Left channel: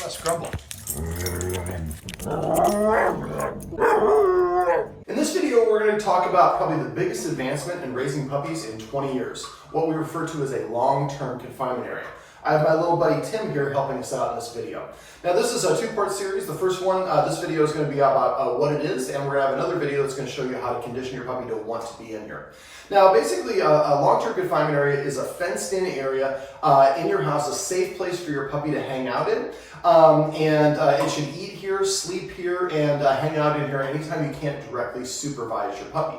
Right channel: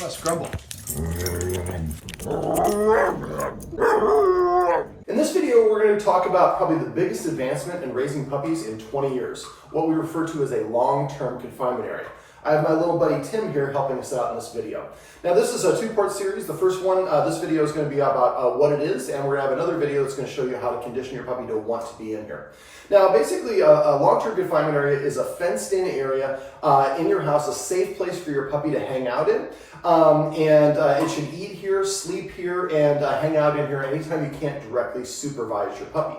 Let's grumble. In this video, we're going to talk about probably the biggest advancement in raising puppies in 20 years, what we refer to as a long-term confinement area. I have my little buddy Tim here helping us out in this video. Now this is a two-part series. The first one, this video is going to be about what it is, and we're going to have another video that's going to show you how to condition your puppy to want to be in here. Now basically a long-term confinement area is a fenced-in area in your house, a safe place for your puppy to hang out in. It should eat here, sleep here, and hang out in here anytime you can't directly supervise your puppy.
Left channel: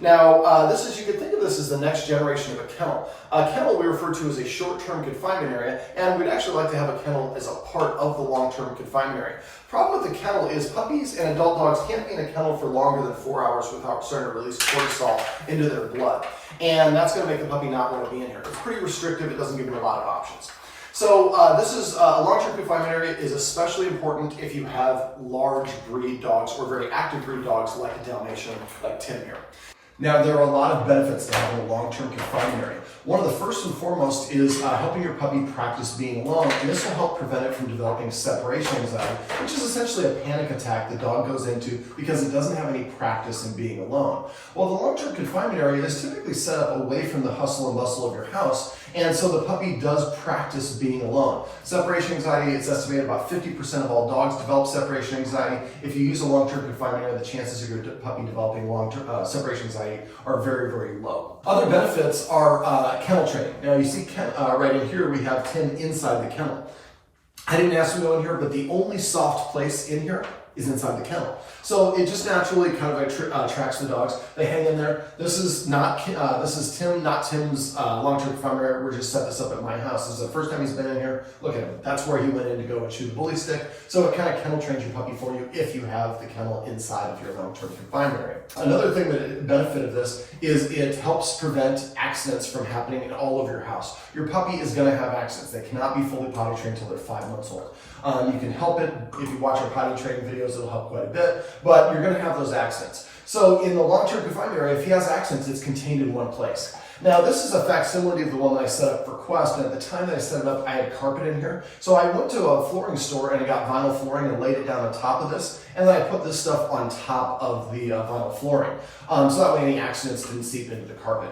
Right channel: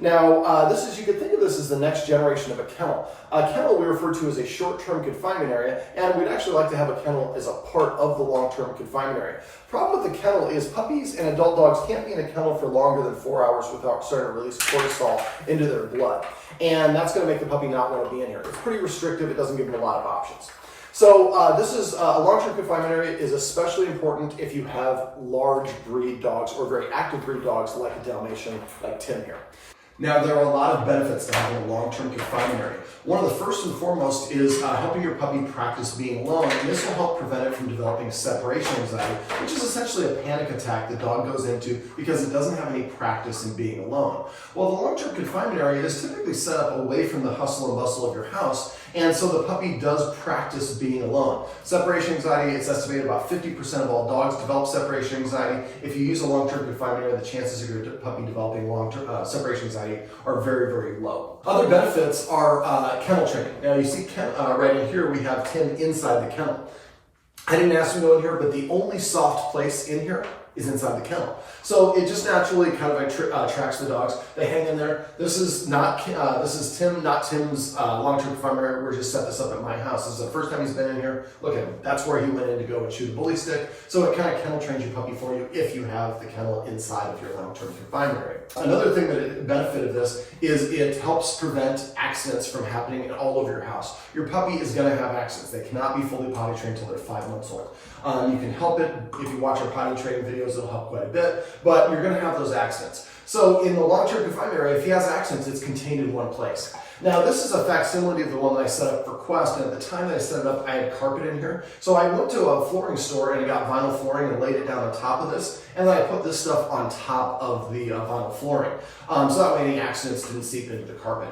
Now, you could think of this as the next generation of a kennel. A kennel we refer to as a short-term confinement area, and we'd actually like to have a kennel as a part of the long-term confinement area. Problem with the kennel is puppies and adult dogs can't be in a kennel for longer than 4 hours without starting to release cortisol into their blood. And that's going to make the puppy not want to be in here. It's pretty restrictive. It doesn't give them a lot of options. So a long-term confinement area is especially important if you have large breed dogs or very active breed dogs like a Dalmatian, like Tim here. Now, there are a lot of benefits to having a long-term confinement area. One of the first and foremost is helping your puppy practice being alone, and this will help prevent it from developing separation anxiety, which is essentially a panic attack the dog goes into because it doesn't have any practice in being alone. Well, the long-term confinement area is typically set up away from the hustle and bustle of your house, and so the puppy does practice being alone. Separation anxiety, it's estimated about 50% of all dogs develop separation anxiety. If you use a long-term confinement area, the chances of your puppy developing long-term separation anxiety are very, very low. Other benefits are kennel training. Now you see right in here we have Tim inside the kennel. I didn't ask him to go in here, but the only soft place in here is inside the kennel. So it just naturally kind of attracts the dogs. They hang in there. This is Tim, not Tim's long-term confinement area. We're just set this up at my house. This is the first time he's been in here. Look at him. That's where he went in to go and chew the bully stick. So it kind of kennel trains your puppy for you if you have the kennel inside of your long-term confinement area. Another thing that benefit of this is it helps prevent accidents from happening in all over your house. Your puppy is going to have accidents. They cannot be fully potty trained until they're 5 months old. You can help it. If you watch our potty training videos, it'll help quite a bit, but you're going to have those accidents. So in the long-term confinement area, if he has accidents, it's contained in one place. Now, this is a facsimile of the one that I set up for Quest, and at the time that I set it up, I had carpet in here. So I went to a flooring store and I got vinyl flooring and laid it down on top of this, and then I put this stuff on top of the vinyl flooring. So that way any accidents didn't seep into the carpet.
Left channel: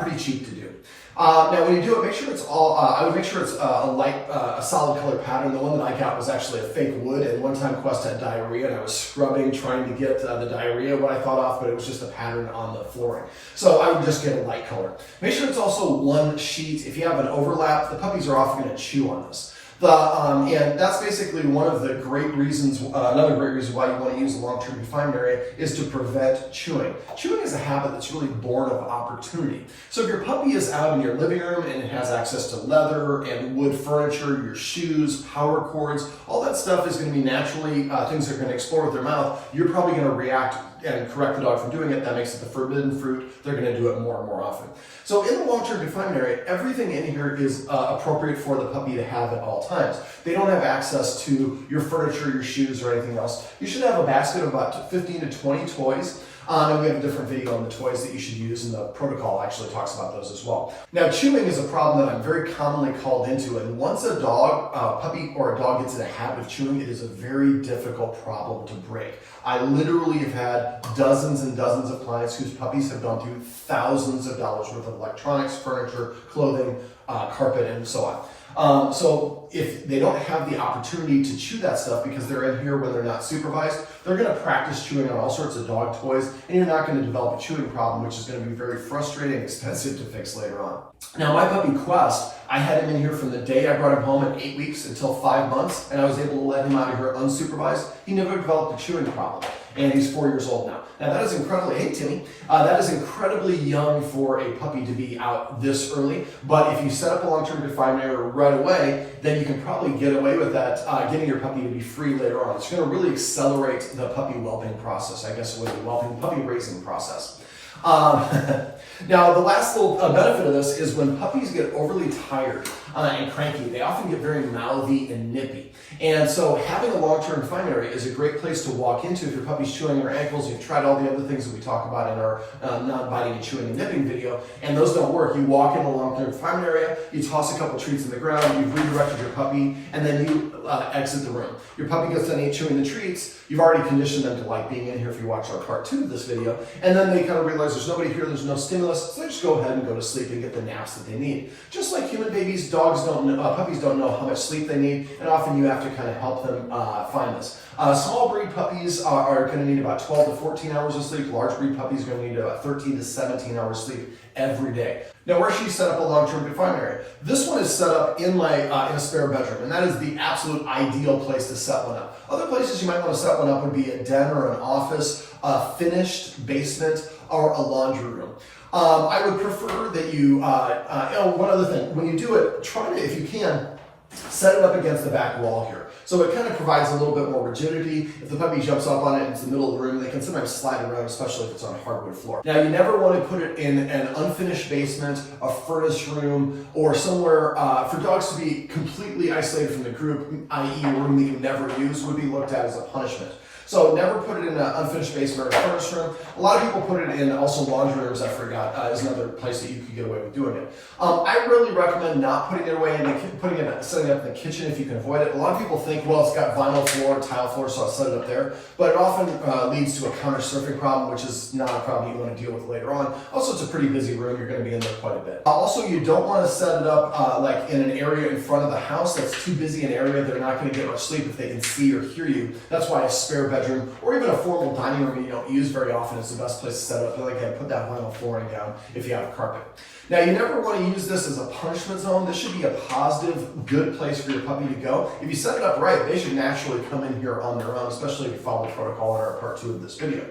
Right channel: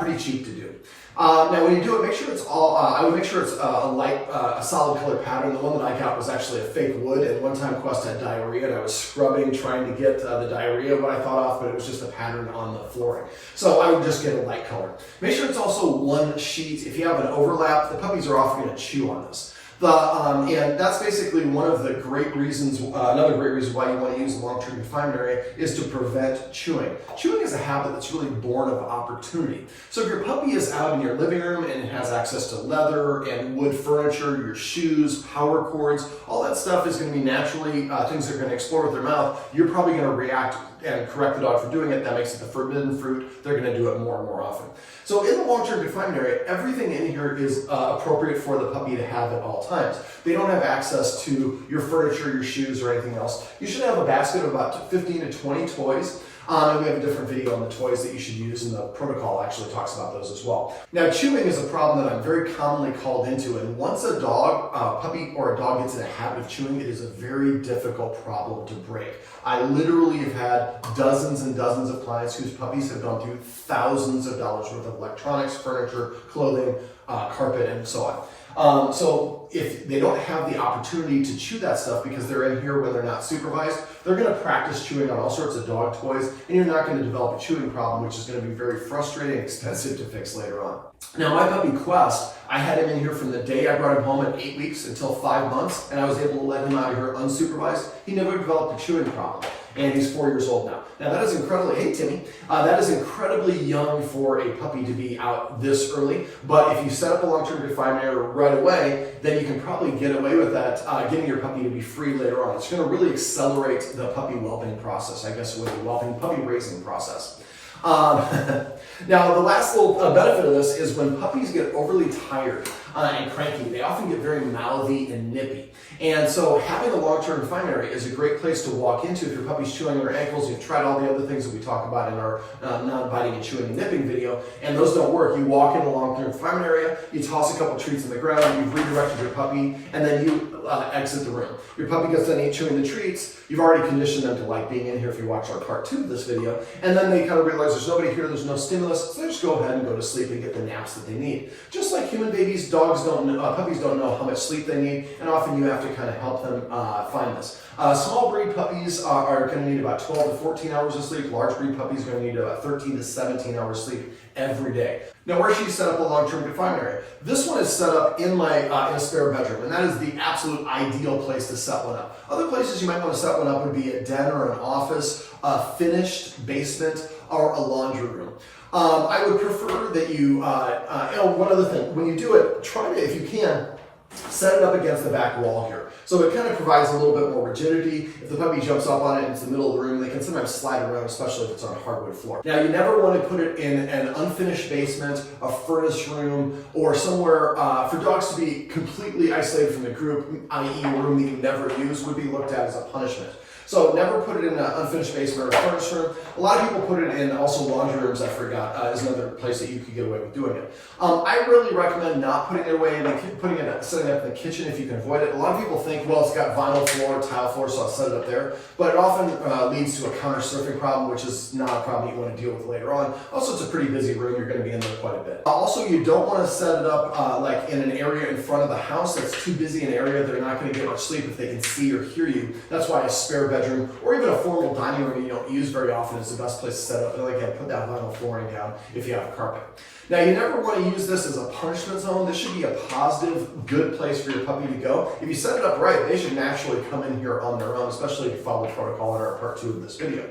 Pretty cheap to do. Now, when you do it, make sure it's all, I would make sure it's a solid color pattern. The one that I got was actually a fake wood, and one time Quest had diarrhea, and I was scrubbing, trying to get the diarrhea, what I thought off, but it was just a pattern on the flooring. So I would just get a light color. Make sure it's also one sheet. If you have an overlap, the puppies are often going to chew on this. And that's basically one of the great reasons, another great reason why you want to use a long-term confinement area is to prevent chewing. Chewing is a habit that's really born of opportunity. So if your puppy is out in your living room and it has access to leather and wood furniture, your shoes, power cords, all that stuff is going to be naturally things they're going to explore with their mouth. You're probably going to react and correct the dog from doing it. That makes it the forbidden fruit. They're going to do it more and more often. So in the long-term confinement area, everything in here is appropriate for the puppy to have at all times. They don't have access to your furniture, your shoes, or anything else. You should have a basket of about 15 to 20 toys. And we have a different video on the toys that you should use, and the protocol actually talks about those as well. Now, chewing is a problem that I'm very commonly called into, and once a puppy or a dog gets in a habit of chewing, it is a very difficult problem to break. I literally have had dozens and dozens of clients whose puppies have gone through thousands of dollars worth of electronics, furniture, clothing, carpet, and so on. So if they don't have the opportunity to chew that stuff because they're in here when they're not supervised, they're going to practice chewing on all sorts of dog toys, and you're not going to develop a chewing problem, which is going to be very frustrating and expensive to fix later on. Now, my puppy Quest, I had him in here from the day I brought him home at 8 weeks until 5 months, and I was able to let him out of here unsupervised. He never developed a chewing problem, and he's 4 years old now. Now, that is incredibly, hey Timmy, that is incredibly young for a puppy to be out this early, but if you set up a long-term confinement area right away, then you can probably get away with that, getting your puppy to be free later on. It's going to really accelerate the puppy whelping process, I guess it would be whelping, puppy raising process. Now, the last little benefit of this is when puppies get overly tired, and cranky. They often get very mouthy and nippy. And so having a long-term confinement area is a great place to walk into if your puppy's chewing their ankles. You've tried all the other things that we talk about in our non-biting and chewing and nipping video, and those don't work. You walk in a long-term confinement area, you toss a couple treats in the ground, you've redirected your puppy, and then you exit the room. Your puppy gets done chewing the treats, you've already conditioned them to like being in here if you watch our part 2 of this video, and then they kind of realize there's nobody here, there's no stimulus, so they just go ahead and go to sleep and get the naps that they need. Just like human babies, puppies don't know how much sleep they need, and often you have to kind of help them find this. Small breed puppies are going to need about 12 to 14 hours of sleep. Large breed puppies are going to need about 13 to 17 hours of sleep every day. Now, where should you set up a long-term confinement area? This one is set up in a spare bedroom, and that is the absolute ideal place to set one up. Other places you might want to set one up would be a den or an office, a finished basement, or a laundry room. I would prefer that you, one other thing, when you do it, try to, if you can, set it up against the back wall here. So it kind of provides a little bit more rigidity. If the puppy jumps up on it into the middle of the room, they can sometimes slide around, especially if it's on hardwood floor. Now, you never want to put it in an unfinished basement, a furnace room, or somewhere for dogs to be completely isolated from the group, i.e. a room that you never use, would be looked at as a punishment. So never put it in an unfinished basement or a furnace room. A lot of people put it in also laundry rooms, I forgot, is another place that you could get away with doing it. I really recommend not putting it away and setting it up in the kitchen if you can avoid it. A lot of people think, well, it's got vinyl floor, tile floor, so I'll set it up there. But it often leads to a counter surfing problem, which is not a problem you want to deal with later on. Also, it's a pretty busy room. You're going to be in there quite a bit. Also, you don't want to set it up like in an area in front of the house that's too busy an area. They're not going to get much sleep if they can see or hear you. That's why a spare bedroom or even a formal dining room you don't use very often is the best place to set up. Like, put that vinyl flooring down if you have carpet. Now, you never want to use this as a punishment zone. This should be a positive, good place for your puppy to go. If you set it up right, they should naturally come in here on their own, especially if you follow protocol in our part 2 of this video.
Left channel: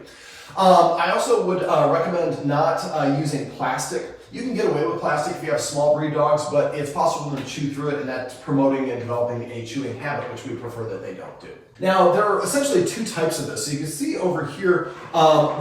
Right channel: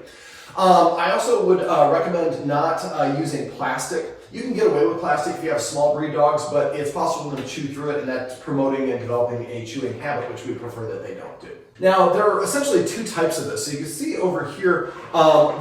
I also would recommend not using plastic. You can get away with plastic if you have small breed dogs, but it's possible to chew through it, and that's promoting and developing a chewing habit, which we prefer that they don't do. Now, there are essentially 2 types of this. So you can see over here,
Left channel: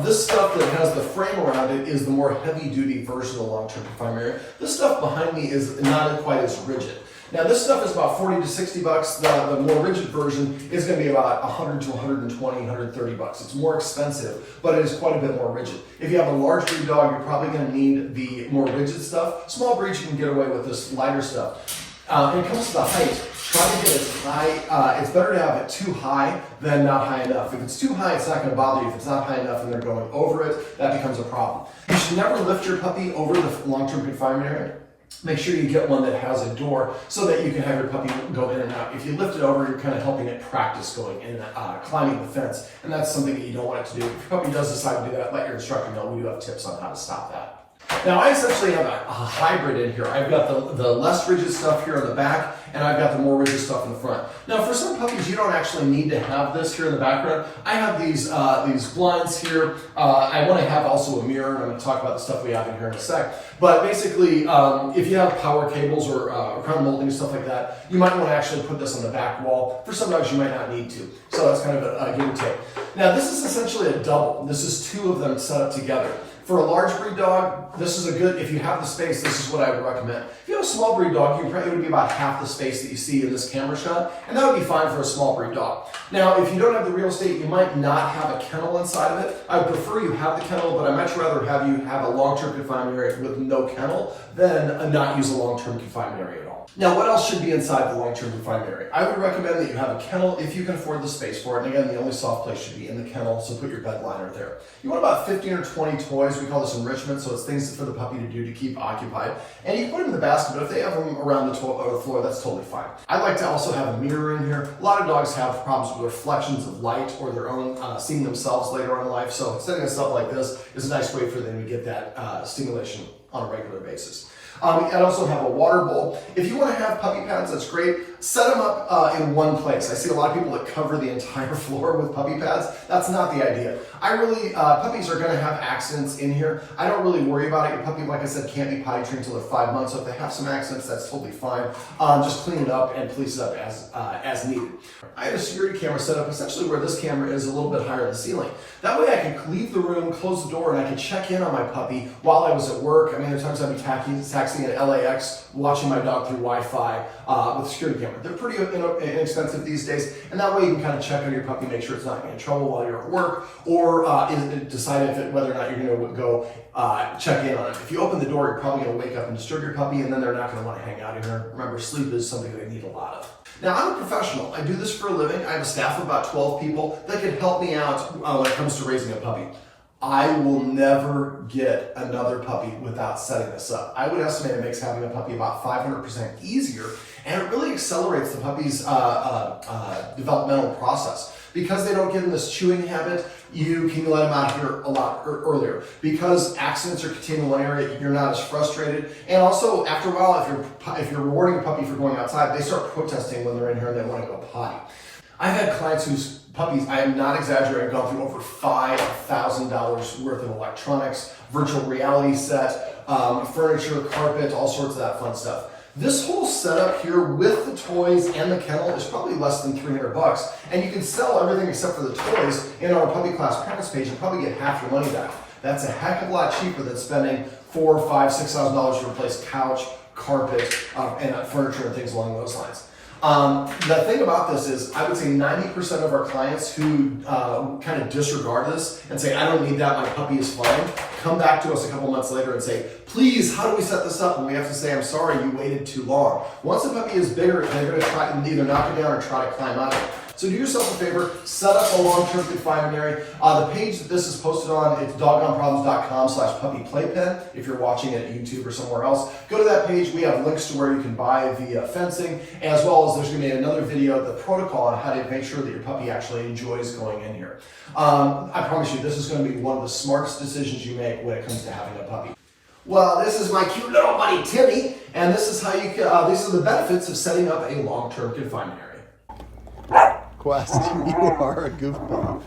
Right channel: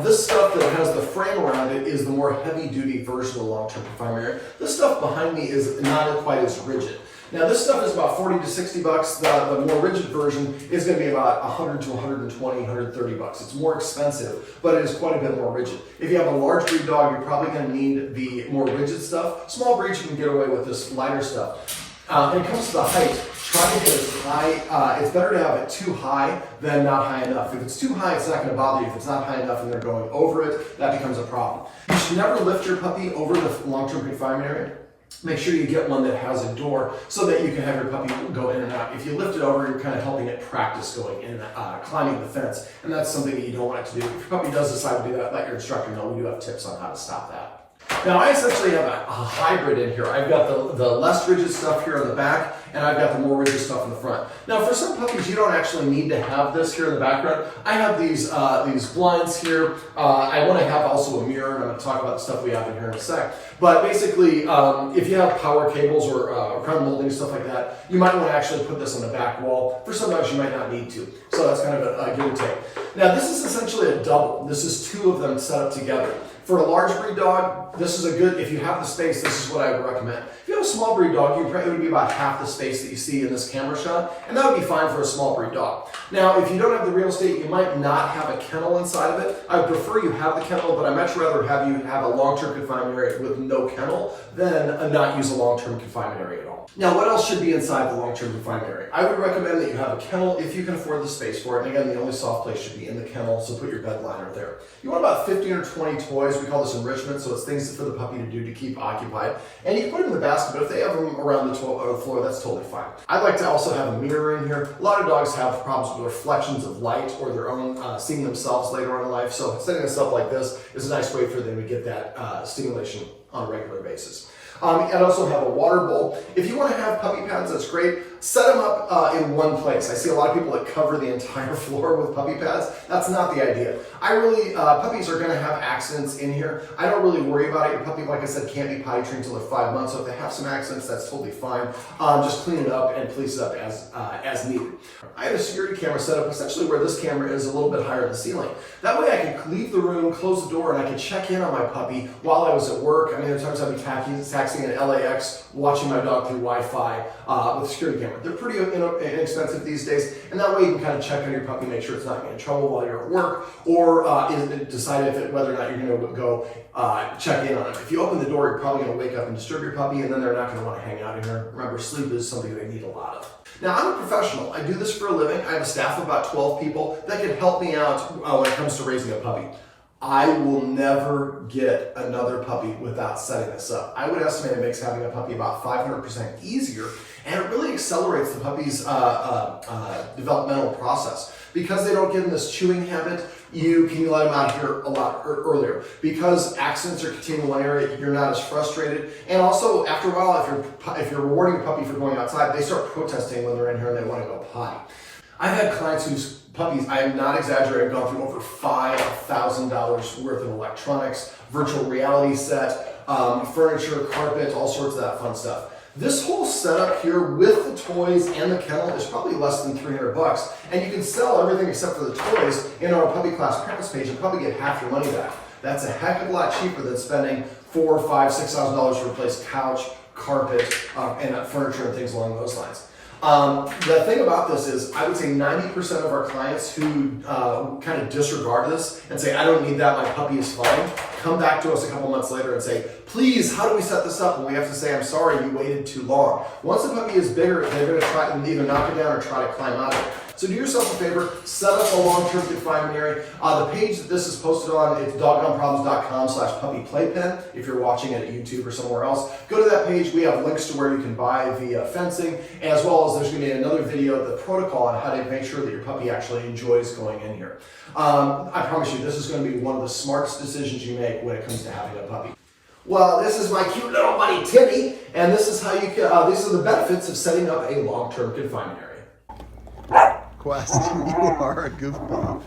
this stuff that has the frame around it is the more heavy-duty version of the long-term confinement area. This stuff behind me is not quite as rigid. Now, this stuff is about 40 to 60 bucks. The more rigid version is going to be about 100 to 120, 130 bucks. It's more expensive, but it is quite a bit more rigid. If you have a large breed dog, you're probably going to need the more rigid stuff. Small breeds, you can get away with this lighter stuff. When it comes to the height, try to get as high. It's better to have it too high than not high enough. If it's too high, it's not going to bother you. If it's not high enough and they're going over it, that becomes a problem. You should never lift your puppy over the long-term confinement area. Make sure you get one that has a door so that you can have your puppy go in and out. If you lift it over, you're kind of helping it practice going in and climbing the fence, and that's something that you don't want it to do. If your puppy does decide to do that, let your instructor know. We do have tips on how to stop that. Now, I essentially have a hybrid in here. I've got the less rigid stuff here in the back, and I've got the more rigid stuff in the front. Now, for some puppies, you don't actually need to have this here in the background. I have these blinds here. I want to have also a mirror, and I'm going to talk about the stuff we have in here in a sec. But basically, if you have power cables or crown molding and stuff like that, you might want to actually put this on the back wall. For some dogs, you might not need to. So that's kind of a give and take. Now, this is essentially a double. This is 2 of them set up together. For a large breed dog, this is a good, if you have the space, this is what I would recommend. If you have a small breed dog, it would be about half the space that you see in this camera shot, and that would be fine for a small breed dog. Now, if you don't have the real estate, you might not have a kennel inside of it. I would prefer you have the kennel, but I'd much rather have you have a long-term confinement area with no kennel than not use a long-term confinement area at all. Now, what else should be inside the long-term confinement area? I would recommend that you have a kennel if you can afford the space for it. And again, the only soft place should be in the kennel, so put your bed liner there. You want about 15 or 20 toys. We call this enrichment, so it's things for the puppy to do to keep occupied. And you can put them in the basket, but if they have them around the floor, that's totally fine. I like to also have a mirror in here. A lot of dogs have problems with reflections of light or their own seeing themselves later on in life, so setting stuff like this is a nice way for them to get that stimulation on a regular basis. And also have a water bowl. If you want to have puppy pads, that's great. Set them up in one place. I see a lot of people that cover the entire floor with puppy pads. That's not the idea. Puppies are going to have accidents in here. I don't really worry about it. Your puppy, like I said, can't be potty trained until they're 5 months. So if they have some accidents, that's totally fine. Just clean it up and police it up as needed. I have a security camera set up essentially where this camera is a little bit higher than the ceiling. That way I could leave the room, close the door, and I could check in on my puppy while I was at work. I mean, there are times I'd be taxiing relaxing in LAX, watching my dog through Wi-Fi with a security camera. They're pretty inexpensive these days, and that way you can kind of check on your puppy, make sure it's not getting in trouble while you're at work, or decide whether or not you're going to go check in on it. If you open the door, you're probably going to wake up and disturb your puppy, and then they're not going to want to hang out in here. Remember, sleep is something they need a lot of. Now, I'm a professional. I do this for a living. I have a staff of about 12 people that can help me out when it comes to raising a puppy. I will never get another puppy without setting this up. I would estimate it makes having a puppy about 500% easier, and it really accelerates the puppy's developmental process. Because they don't get in this chewing habit, you can let them out here a lot earlier. Because accidents are contained in one area, you're not as frustrated. And also, after a while, if you're rewarding a puppy for going outside, they start protesting when they're in here and they want to go potty. I've had clients whose puppies, I am not exaggerating, have gone through over $5,000 worth of electronics, virtual reality set, furniture, carpet, all sorts of that fun stuff. This whole setup here with the toys and the kennel is probably less than $300, and you can sell everything except for the toys in our puppy class preference page and probably get half your money back. That's a heck of a lot cheaper than spending $4,000, $5,000, $6,000 to replace couch, carpet, and furniture and things along those lines. The thing about this is, I would say 90% of our clients who kind of disregard this and say, I don't need that, my puppy is fine, come back to us a couple months later and say, please, how do we set this up? And we have to say, I'm sorry, you waited too long. Once a puppy is bigger, they're going to try and either knock it down or try to climb out of it. So do yourself a favor, set up a long-term confinement area. The page that this is posted on, it's doggonproblems.com/puppyplaypen. If you're watching it at YouTube or somewhere else, go to that page. We have links to where you can buy the fencing, as well as there's going to be another video of the protocol on how to make sure that your puppy actually enjoys going in here. I promise you, this is going to be one of the smartest decisions you make when it comes to having a puppy. Well, this is my cute little buddy Timmy, and this is how you can. These are the benefits of setting up a long-term confinement area. Quest, you are a goofball.